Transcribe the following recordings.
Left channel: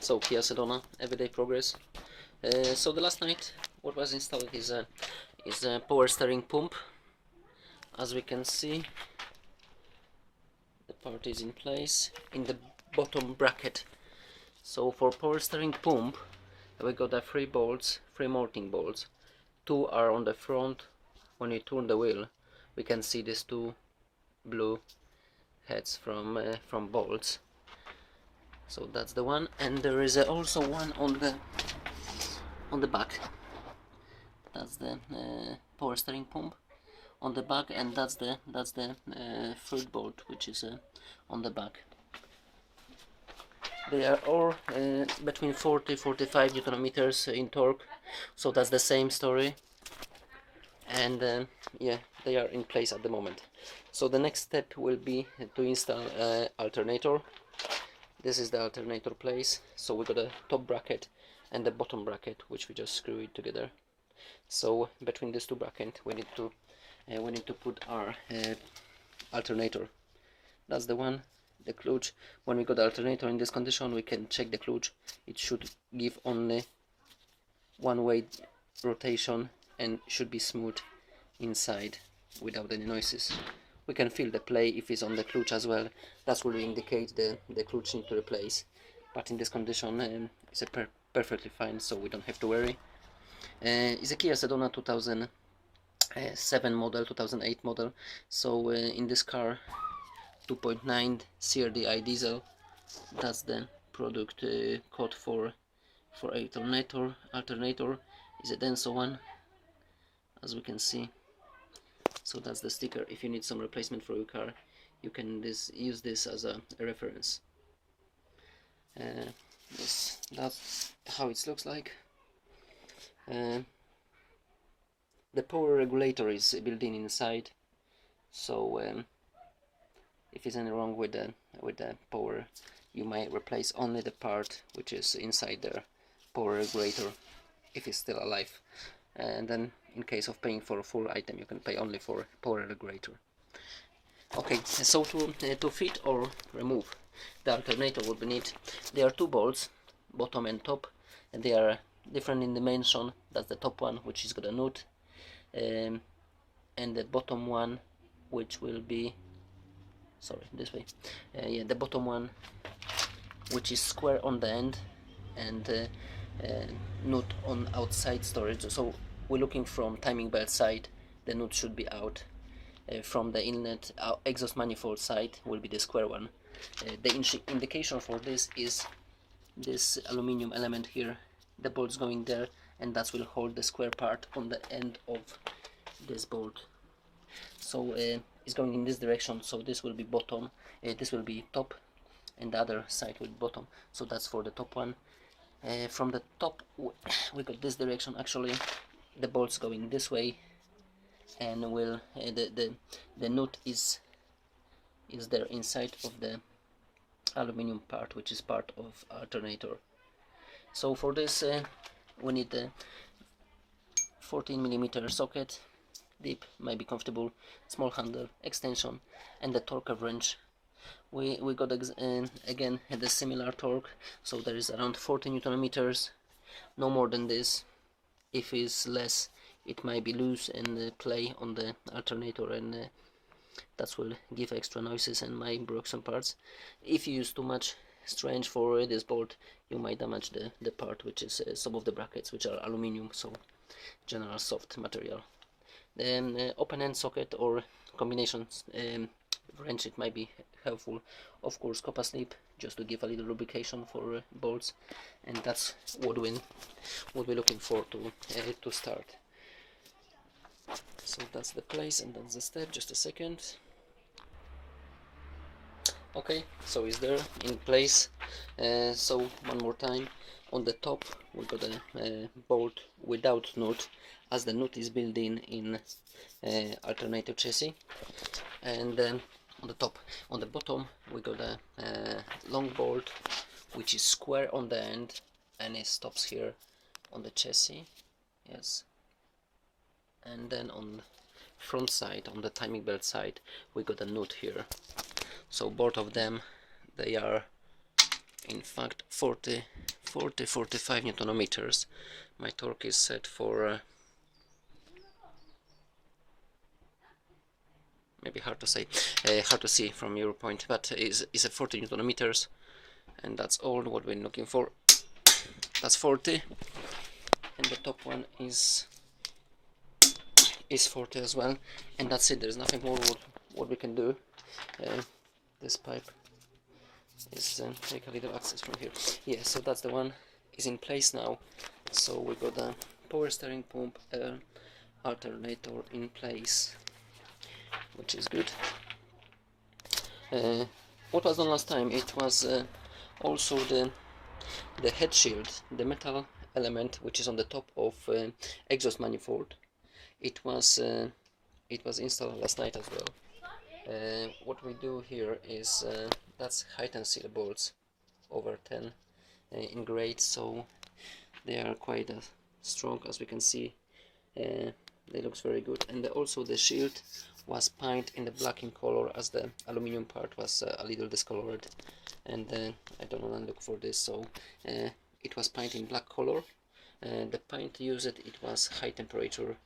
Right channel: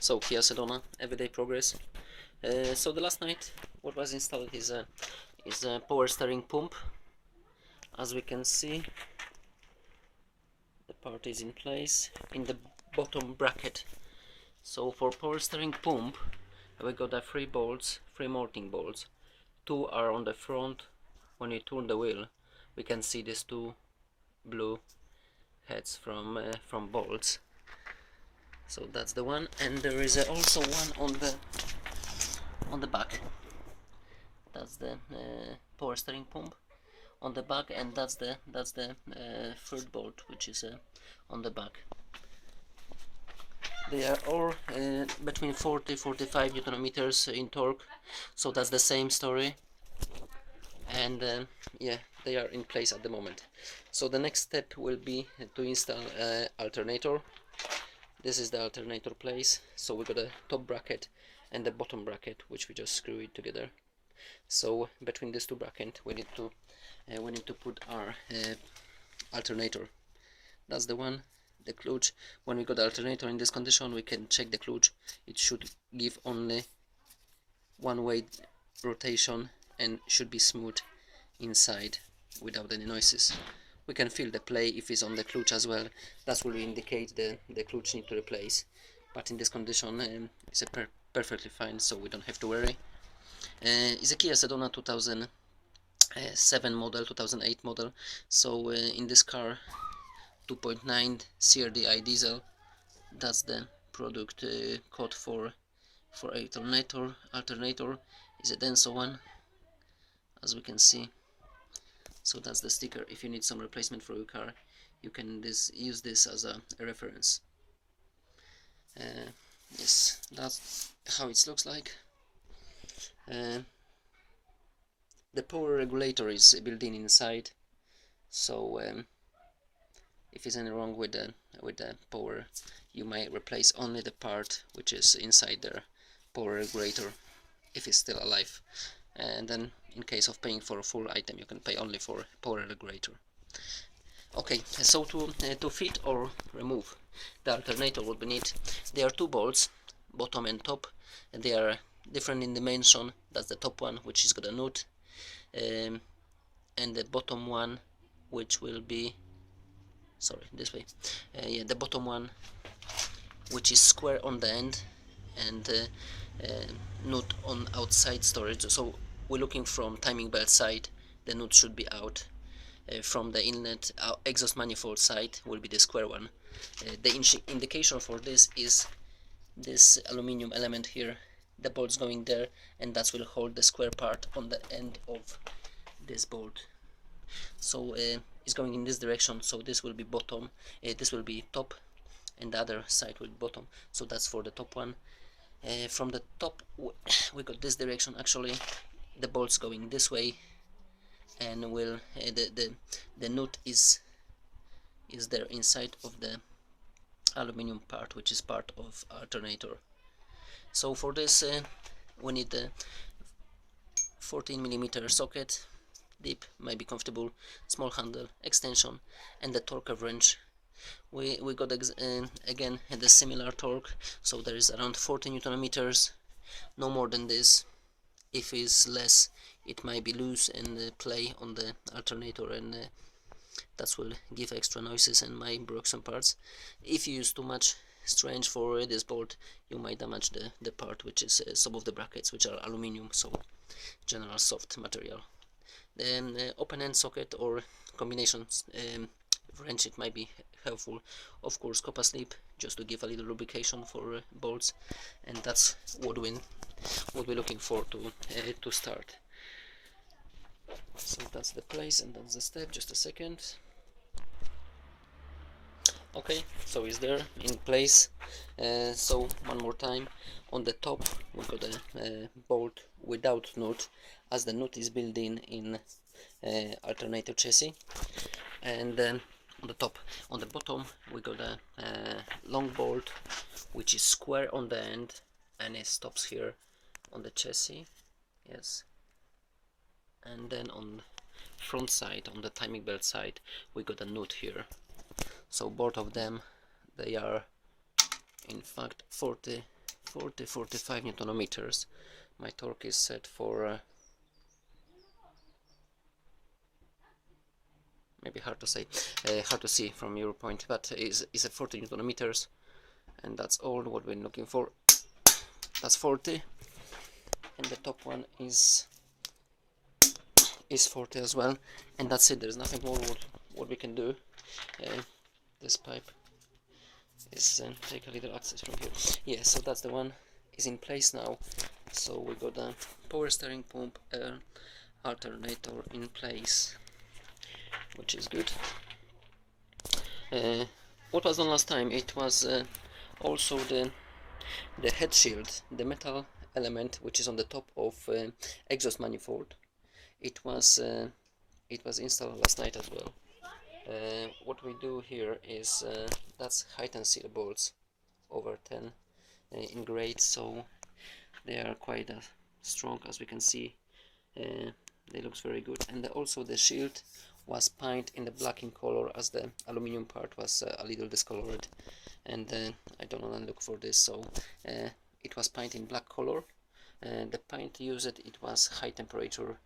So Kia Sedona, everyday progress. So the last night, what was installed is a power steering pump. As we can see, the part is in place in the bottom bracket. So for power steering pump, we got the three bolts, three mounting bolts. Two are on the front. When you turn the wheel, we can see these two blue heads from bolts. So that's the one, and there is also one on the back. That's the power steering pump on the back, and that's the third bolt, which is on the back. They are all between 40-45 Newton meters in torque, so that's the same story. And yeah, they are in place at the moment. So the next step will be to install alternator. This is the alternator place. So we got a top bracket and the bottom bracket, which we just screw it together. So between these two brackets, we need to put our alternator. That's the one. The clutch. When we got the alternator in this condition, we can check the clutch. It should give only one-way rotation and should be smooth inside without any noises. We can feel the play if it's on the clutch as well. That will indicate the clutch need to replace. But in this condition, it's perfectly fine, so we don't have to worry. It's a Kia Sedona 2007 model, 2008 model. So in this car, 2.9 CRDi diesel. That's the product code for alternator. Alternator is a Denso one, as we can see. So that's the sticker. If you need some replacement for your car, you can use this as a reference. Yes, that's how it looks like. The power regulator is built in inside, so if it's any wrong with the power, you might replace only the part which is inside the power regulator if it's still alive. And then in case of paying for a full item, you can pay only for power regulator. Okay, so to fit or remove the alternator, what we need, there are two bolts, bottom and top, and they are different in dimension. That's the top one, which is got a nut, and the bottom one, which will be, sorry, this way, yeah, the bottom one, which is square on the end, and nut on outside storage. So we're looking from timing belt side, the nut should be out. From the inlet exhaust manifold side will be the square one. The indication for this is this aluminium element here. The bolt's going there, and that will hold the square part on the end of this bolt. So it's going in this direction, so this will be bottom, this will be top, and the other side will be bottom. So that's for the top one. From the top we got this direction. Actually the bolt's going this way, and will the nut is there inside of the aluminum part, which is part of alternator. So for this we need a 14mm socket, deep, might be comfortable, small handle, extension, and the torque wrench. We got again the similar torque, so there is around 40 Newton meters, no more than this. If it's less, it might be loose and play on the alternator, and that will give extra noises and might break some parts. If you use too much strange for this bolt, you might damage the part, which is some of the brackets, which are aluminium, so general soft material. Then open end socket or combinations wrench, it might be helpful. Of course, copper slip, just to give a little lubrication for bolts, and that's what we're looking for to start. So that's the place, and that's the step. Just a second. Okay, so it's there in place. So one more time, on the top we got a bolt without nut, as the nut is built in alternator chassis. And then on the top, on the bottom, we got a long bolt which is square on the end, and it stops here on the chassis. Yes. And then on front side, on the timing belt side, we got a nut here. So both of them, they are in fact 40 45 Newton meters. My torque is set for maybe hard to say, hard to see from your point, but is a 40 Newton meters, and that's all what we're looking for. That's 40, and the top one is 40 as well, and that's it. There's nothing more what we can do. This pipe is take a little access from here. Yeah, so that's the one is in place now. So we got the power steering pump, alternator in place, which is good. What was done last time, it was also the head shield, the metal element which is on the top of exhaust manifold. It was installed last night as well. What we do here is that's height and seal bolts over 10 in grade, so they are quite strong, as we can see. They looks very good, and also the shield was painted in the black in color, as the aluminium part was a little discolored, and I don't want to look for this, so it was painted in black color. The paint used, it was high temperature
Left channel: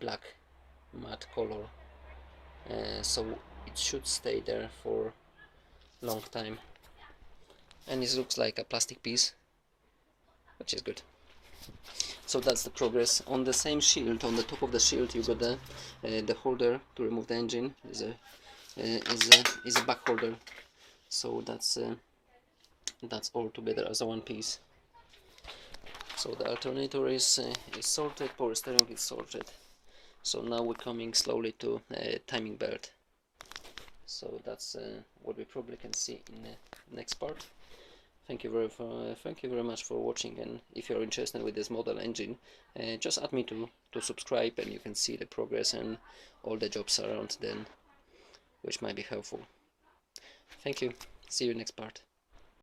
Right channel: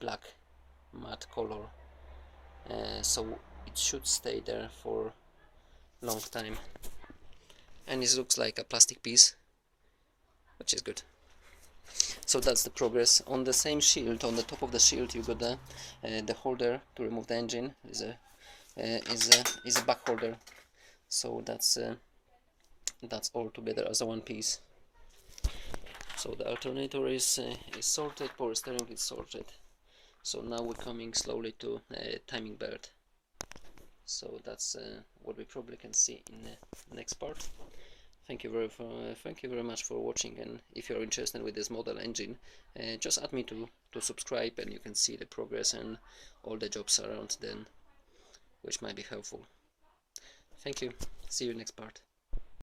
black matte color, so it should stay there for long time, and it looks like a plastic piece, which is good. So that's the progress. On the same shield, on the top of the shield, you got the holder to remove the engine. Is a back holder. So that's all together as a one piece. So the alternator is sorted, power steering is sorted. So now we're coming slowly to timing belt. So that's what we probably can see in the next part. Thank you very much for watching, and if you're interested with this model engine, just add me to subscribe, and you can see the progress and all the jobs around then, which might be helpful. Thank you. See you next part.